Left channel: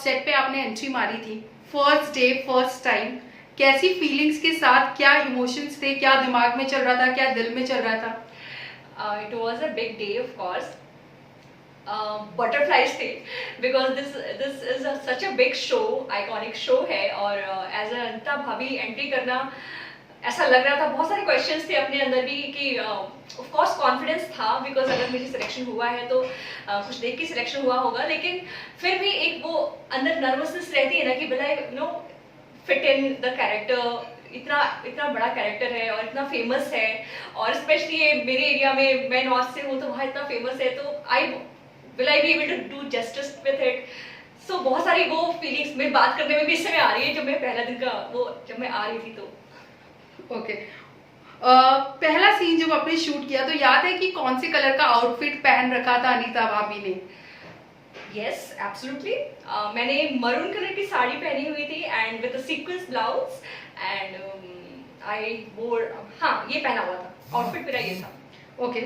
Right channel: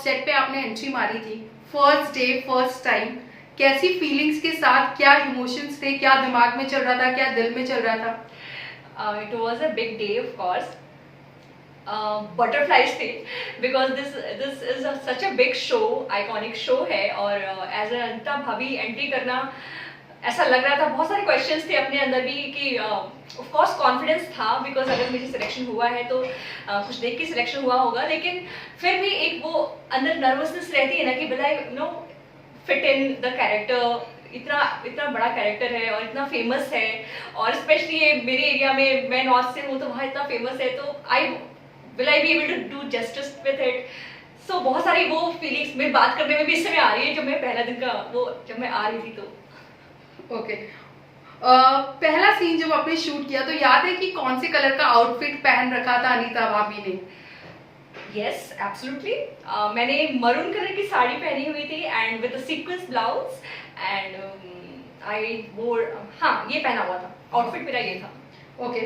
Set पे आपने entry मारी थी, फर्स्ट डे फर्स्ट टाइम, कैसी फीलिंग्स के साथ, क्या इमोशंस थे, क्या दिमाग में चल रहा था, क्या दिल में चल रहा था? It was a big day of course. Butterflies थे because this is such a big show, iconic show है. और एज अनिता भाभी एंट्री करना ऐसा लग रहा था. बहुत सारे क्वेश्चंस थे अपने अंदर भी कि ऑफ कोर्स कॉन्फिडेंस था बिकॉज अगर मेरी सिलेक्शन हुआ है तो कुछ देख के सिलेक्शन हुआ होगा, लेकिन फिर भी एक वो अंदर नर्वसनेस रहती है ना कि भला no fit in the character. इतना इतना बड़ा कैरेक्टर है और इतना फेमस है, और स्पेशली ये मेरे एरिया में, मैं नॉर्थ से हूँ तो वहाँ इतना फेमस है, तो will I be able to do justice with it? So बहुत सारी वो फीलिंग्स में बात करने में भी इस समय आ रही है जब मैं पहला दिन का वो जब मैं आ रही थी तो. ओके. पहला सीन जब आपने शूट किया तो याद है कि कौन से कलर का आउटफिट पहन रखा था अनीता भाभी ने? Yes absolutely. मैंने मरून कलर की साड़ी पहनी हुई थी and with a sequence blouse and I वोर, हाँ ये पहना हुआ था, आउटफिट मेरा ये था. ओके.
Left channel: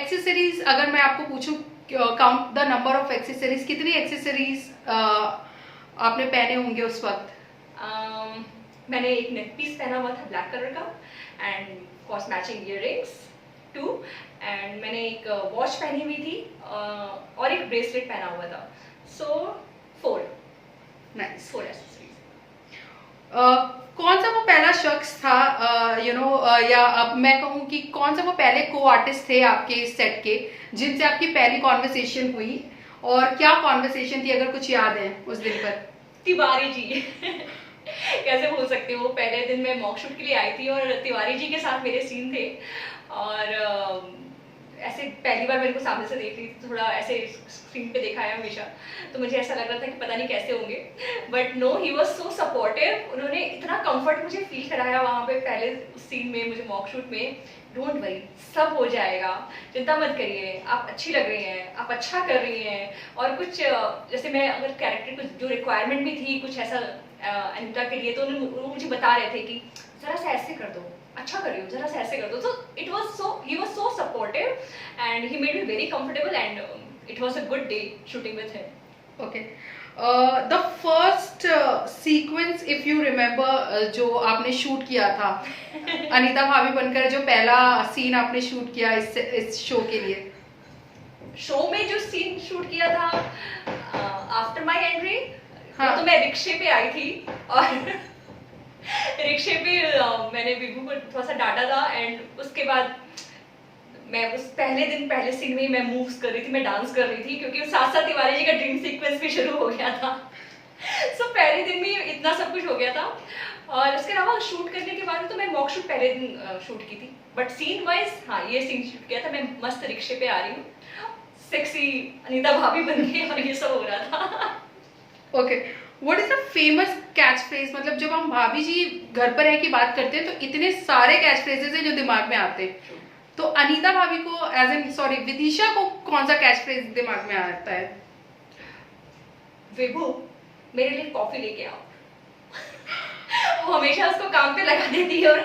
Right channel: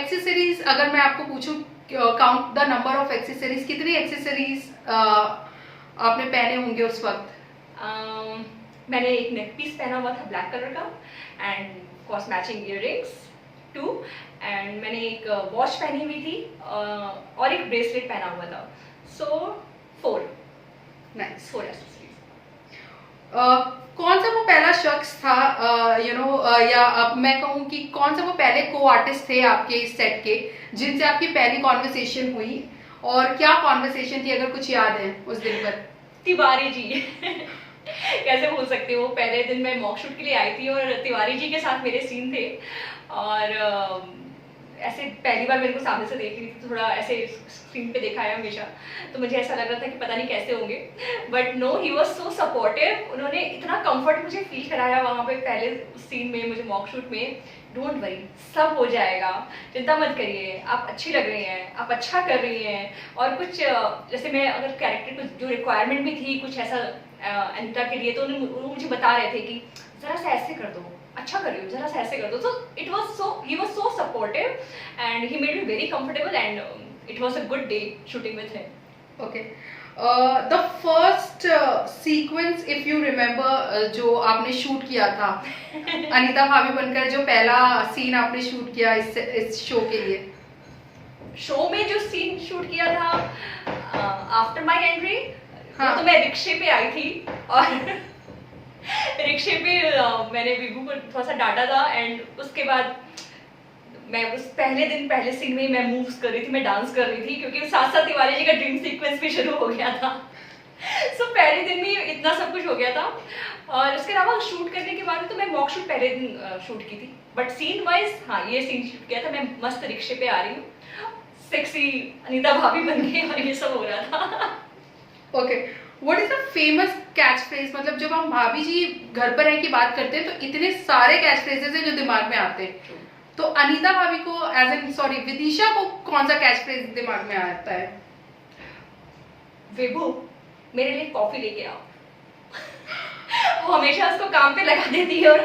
एक्सेसरीज अगर मैं आपको पूछूं, count the number of accessories, कितनी एक्सेसरीज आपने पहने होंगे उस वक्त? मैंने एक नेक पीस पहना हुआ था ब्लैक कलर का and cos matching earrings 2, and मैंने एक वॉच पहनी हुई थी और एक ब्रेसलेट पहना हुआ था. सो 4 एक्सेसरीज. कौन सा वो पहला शख्स था या मैं कहूँ कि कौन सा वो पहले को आर्टिस्ट थे आपके इस सेट के जिनसे आपकी पहली कॉन्वर्सेशन हुई, और क्या कॉन्वर्सेशन थी अगर कुछ याद है उस दिन पर? तिवारी जी. कैसे भूल सकती हूँ. पहले दिन मैं मॉक शूट के लिए आई थी और तिवारी जी के साथ मेरे सीन थे, और ऐसे पहली बार मेरे को सामने से देख रही थी, थोड़ा ऐसे स्क्रीन पे देखा है हमेशा, तो मुझे ऐसा लग रहा था कि पता नहीं कैसे होंगे, but no he was so supportive. उन्होंने इतना कंफर्ट मुझे फील कराया वहाँ पे पहले सीन में, मुझे मॉक शूट में. डोंट वरी, सब हो जाएगा, चिंता मत करिए, आप अच्छी लग रही हैं, आप अच्छा कर रही हैं. और कुछ जैसे मैं अगर कैरेक्टर कुछ जो रिक्वायरमेंट भी थी कुछ ऐसा अनिता के लिए, तो वो मुझे बता रहे थे कि जरा सा ऐसे कर दो, अच्छा कर रही हो, जरा सा ऐसे कर दो. तो it was so, he was so supportive and he made me very comfortable and it was a good day shooting with him. Okay. The first sequence if you remember जो आपने शूट किया था अनीता भाभी बनकर, जो पहला सीन आपने shoot किया इस शो के लिए? शो में जो सीन शूट किया था आफ्टर माय एंट्री, हाँ. तो मैं रिक्शे पे आई थी और रिक्शे पे मैंने विभू को थोड़ा सा डांटा था, एंड उसके बाद मैं उस पहले दिन पहले सीन में मैं मूव्स कर रही थी, मैं डांस कर रही थी, क्योंकि साथ साथ तिवारी जी का ड्रीम सीक्वेंस भी शुरू हो गया था. सो पहले दिन में इतना सब कुछ हो गया था. और उसके अलावा शूट करने के बाद तो मैं मॉक शूट पहले दिन शूट की थी, बट सीन वाइज हाँ ये सीन शूट किया था. मैं मस्त रिक्शे पे आ रही हूँ, सेक्सी अनीता भाभी बन गई और ये सब हो रहा था. Okay. What is the famous catch phrase? मतलब जब हम भाभी जी घर पर रह की बात करते हैं तो इतने सारे कैच फ्रेजेस हैं जो दिमाग में आते हैं, तो अनीता भाभी को एज एन सॉरी विदिशा को कौन सा कैच फ्रेज दिमाग में आता है? विभू मेरे लिए कॉफी लेके आओ. वो हमेशा उसको काम पे लगा देती है, और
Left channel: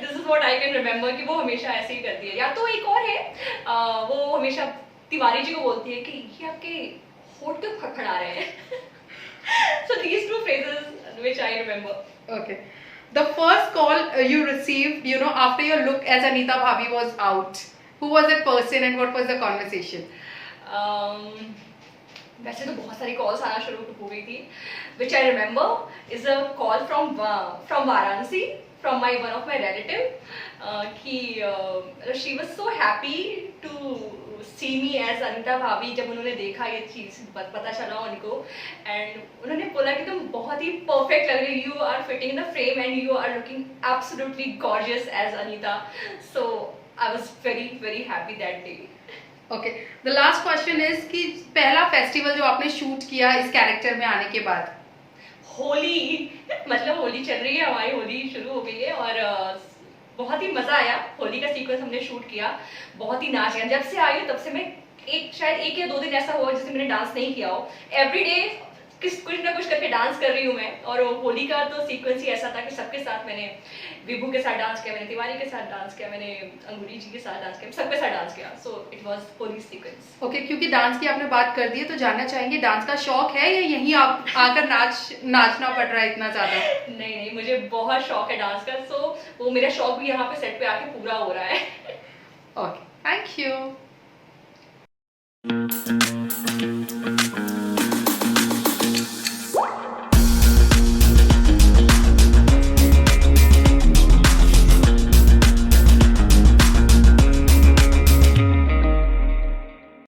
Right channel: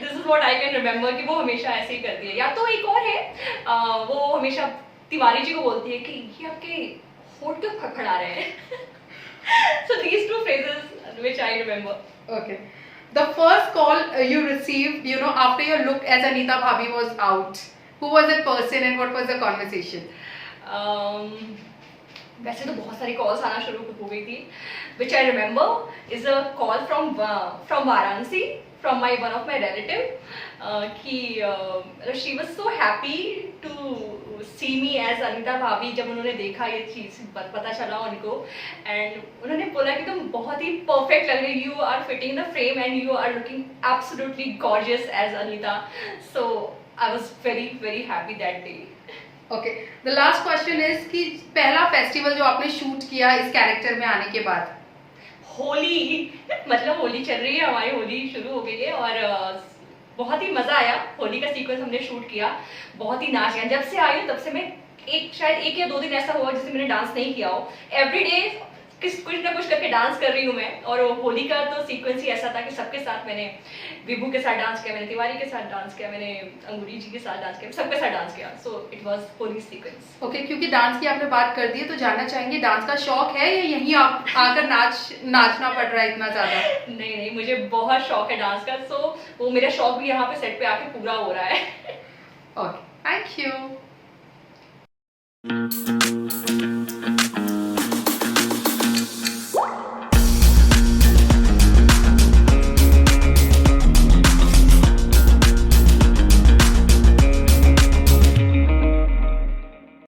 this is what I can remember कि वो हमेशा ऐसे ही करती है. या तो एक और है, वो हमेशा तिवारी जी को बोलती है कि ये आपके होठ क्यों फड़फड़ा रहे हैं. So these two phrases which I remember. Okay. The first call you received, after your look as Anita Bhabhi was out, who was that person and what was the conversation? वैसे तो बहुत सारी कॉल्स आना शुरू हो गई थी. Which I remember is a call from Varanasi, from one of my relative. She was so happy to see me as Anita Bhabhi. जब उन्होंने देखा ये चीज पता चला उनको, एंड उन्होंने बोला कि तुम बहुत ही परफेक्ट लग रही, you are fitting in the frame and you are looking absolutely gorgeous as Anita. So I was very very happy that day. Okay. The last question is कि पहला फेस्टिवल जो आपने शूट किया इस कैरेक्टर में आने के बाद? होली. मतलब होली चल रही है हमारी, होली शुरू हो गई है और बहुत ही मजा आया. होली का सीक्वेंस हमने शूट किया, बहुत ही नाच गया. जब से आई हूँ तब से मैं शायद 1 या 2 दिन ऐसा हुआ जिससे मैंने डांस नहीं किया हो. एवरी डे कुछ ना कुछ करके डांस कर रही हूँ मैं। और होली का तो सीक्वेंस ही ऐसा था कि सबके साथ मैंने विभू के साथ डांस किया, मैंने तिवारी के साथ डांस किया, मैंने अंगूरी जी के साथ डांस किया, सबके साथ डांस किया। So it was Holi sequence. Okay, क्योंकि डांस की आपने बात कर दी है तो जानना चाहेंगे डांस का शौक है या यहीं आप आकर नाचना पड़ रहा है इतना ज्यादा? नहीं नहीं, मुझे बहुत शौक है डांस का। सो वो मेरा शौक भी यहाँ पे सेट पे आके पूरा हो रहा है। Okay, thank you.